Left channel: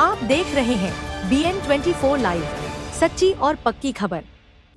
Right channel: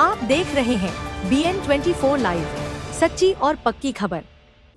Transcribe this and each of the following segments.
आप देख रहे हैं BN24 लाइव, सच्ची और पक्की खबर।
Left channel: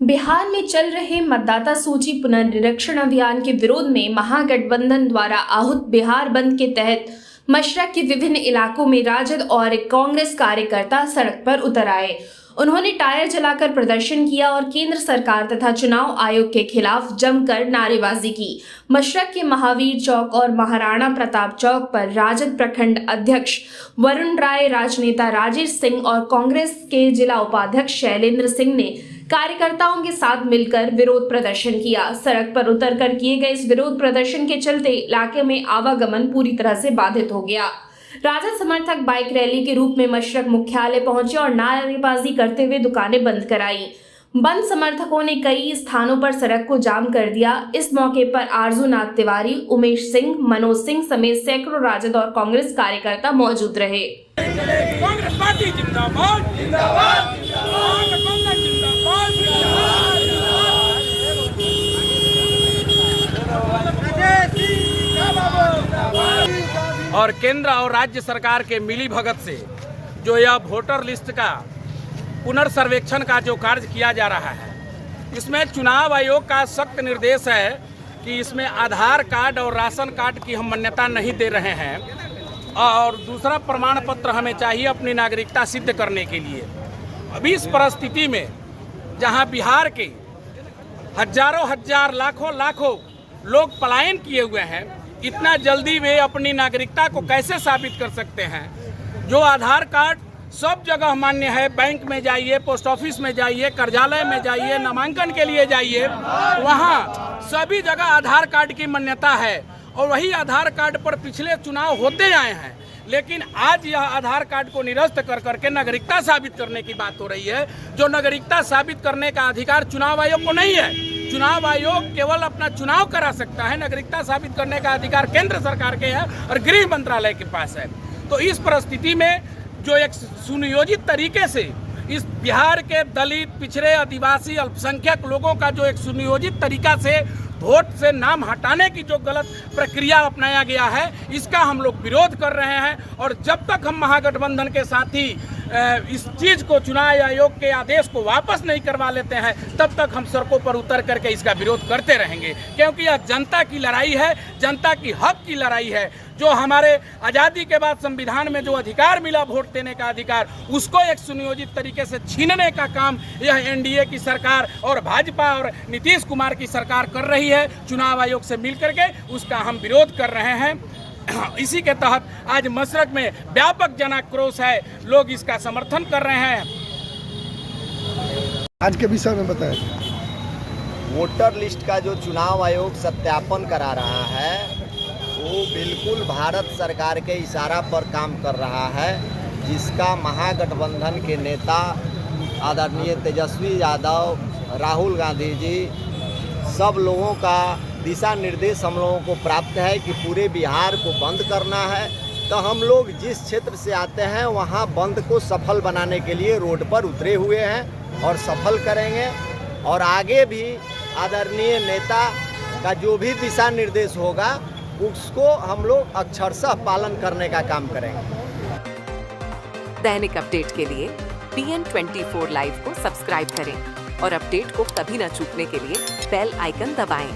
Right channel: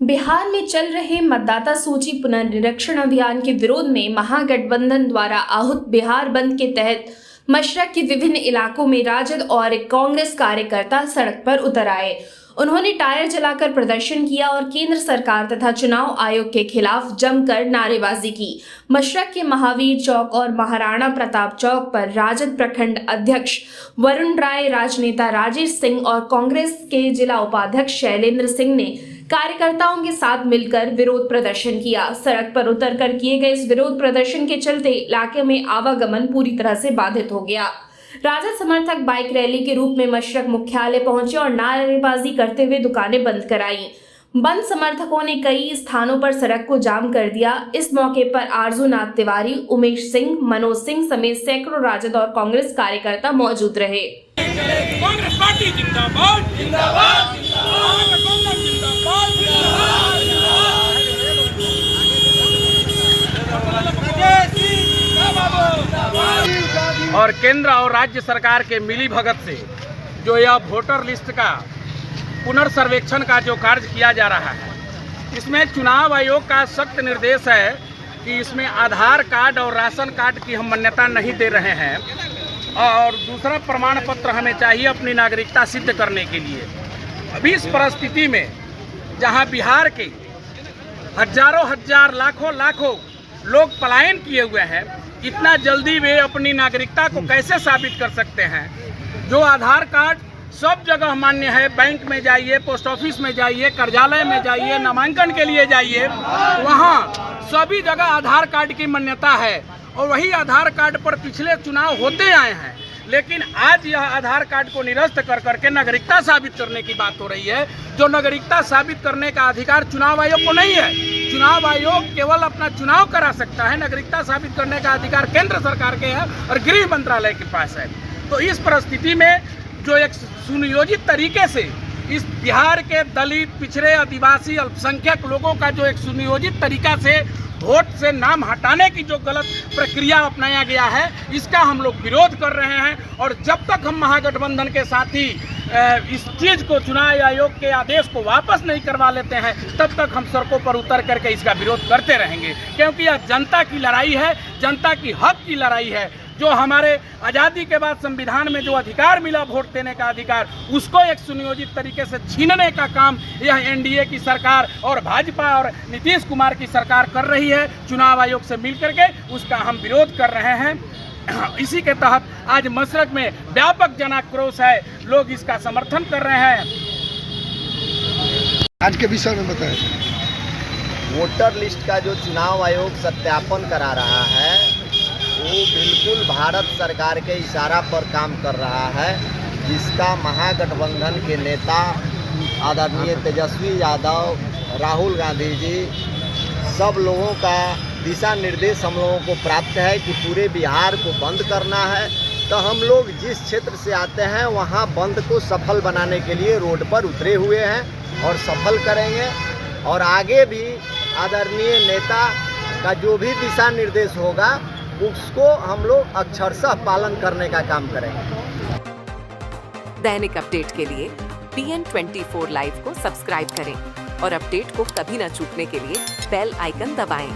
बिहार में चल रहे मतदाता सूची पुनर्निरीक्षण अभियान के विरोध में महागठबंधन द्वारा आहूत बिहार बंद के तहत मशरक के विभिन्न इलाकों में राजद और कांग्रेस कार्यकर्ता सड़क पर उतर आए। उन्होंने टायर जलाकर प्रदर्शन किया और केंद्र सरकार तथा चुनाव आयोग के खिलाफ जमकर नारेबाजी की। मशरक के महावीर चौक और महाराणा प्रताप चौक पर राजद प्रखंड अध्यक्ष वरुण राय, राजनेता राजेश सिंह और कांग्रेस के जिला उपाध्यक्ष शैलेंद्र सिंह ने कार्यकर्ताओं के साथ मिलकर विरोध प्रदर्शन किया। सड़क पर उतरकर किए गए इस विरोध प्रदर्शन के चलते इलाके में आवागमन पूरी तरह से बाधित हो गया। राजद समर्थक बाइक रैली के रूप में मशरक मुख्यालय पहुंचे और नारेबाजी करते हुए दुकानें बंद कराई। बंद समर्थकों ने कई स्थानों पर सड़क को जाम कर दिया। इस मौके पर आरजू नाथ तिवारी, उमेश सिंह, मनोज सिंह समेत सैकड़ों राजद और कांग्रेस कार्यकर्ता मौजूद रहे। कांग्रेस पार्टी जिंदाबाद जिंदाबाद और केंद्र और राज्य सरकार के मिली भगत से जो यह वोटर लिस्ट का पुनर्सर्वेक्षण का जो कार्य किया जा रहा है, इसमें चुनाव आयोग का सख्त निर्देश है कि इसमें आधार कार्ड और राशन कार्ड की हम मान्यता नहीं दे रहे हैं और दूसरा प्रमाण पत्र हमें चाहिए अपनी नागरिकता सिद्ध करने के लिए। अभी इस परिस्थिति में जहां बिहार के हजारों हजार लाखों लोग पलायन किए हुए हैं, इतना जल्दी वे अपनी नागरिकता को कैसे साबित कर सकते हैं? जो आधार कार्ड सब जगह मान्य है, बैंक में जाइए, पोस्ट ऑफिस में जाइए, कार्यालय में जाइए, नामांकन के लिए जाइए, वहाँ सभी जगह आधार कार्ड की मान्यता है और वही आधार कार्ड पर पिछले चुनाव होते आए हैं। लेकिन आज यह आधार कार्ड को निरस्त कर करके नागरिकता साबित करने की बात हो रही है, जो नागरिकता साबित करने का अधिकार चुनाव आयोग को नहीं है। चुनाव आयोग केवल अपना चुनाव करा सकता है, नागरिकता साबित करने का अधिकार केंद्र सरकार के है और गृह मंत्रालय के पास है। तो इस परिस्थिति में जो एक सुनियोजित तरीके से इस बिहार के दलित, पिछड़े, आदिवासी, अल्पसंख्यक लोगों का जो एक सुनियोजित तरीका से वोट से नाम हटाने की जो गलत प्रक्रिया अपनाया गया है, इसका हम लोग विरोध कर रहे हैं। और जब तक हम महागठबंधन के साथी इस चीज़ को, चुनाव आयोग के आदेश को वापस नहीं करवा लेते हैं, तब तक हम सड़कों पर उतर करके इसका विरोध करते रहेंगे। क्योंकि यह जनता की लड़ाई है, जनता की हक की लड़ाई है। जो हमारे आज़ादी के बाद संविधान में जो अधिकार मिला वोट देने का अधिकार, उसको एक सुनियोजित तरीके से छीनने का काम यह एनडीए की सरकार और भाजपा और नीतीश कुमार की सरकार कर रही है। चुनाव आयोग से मिलकर के उसका हम विरोध कर रहे हैं। इसी के तहत आज मशरक में व्यापक जनाक्रोश है, लोग इसका समर्थन कर रहे हैं। आज के विषय में बताएं। वोटर लिस्ट का जो चुनाव आयोग सत्यापन करा रहा है, वो बिल्कुल भारत सरकार के इशारा पर काम कर रहा है, जिसका महागठबंधन के नेता आदरणीय तेजस्वी यादव, राहुल गांधी जी, सब लोगों का दिशा निर्देश हम लोगों को प्राप्त है कि पूरे बिहार को बंद करना है। तो हम लोग जिस क्षेत्र से आते हैं वहाँ बंद को सफल बनाने के लिए रोड पर उतरे हुए हैं और सफल करेंगे। और आगे भी आदरणीय नेता का जो भी दिशा निर्देश होगा, उसको हम लोग अक्षरशः पालन करने का काम करेंगे। दैनिक अपडेट के लिए BN24 लाइव को सब्सक्राइब करें और अपडेट को कभी न चूकने के लिए बेल आइकन दबाएं।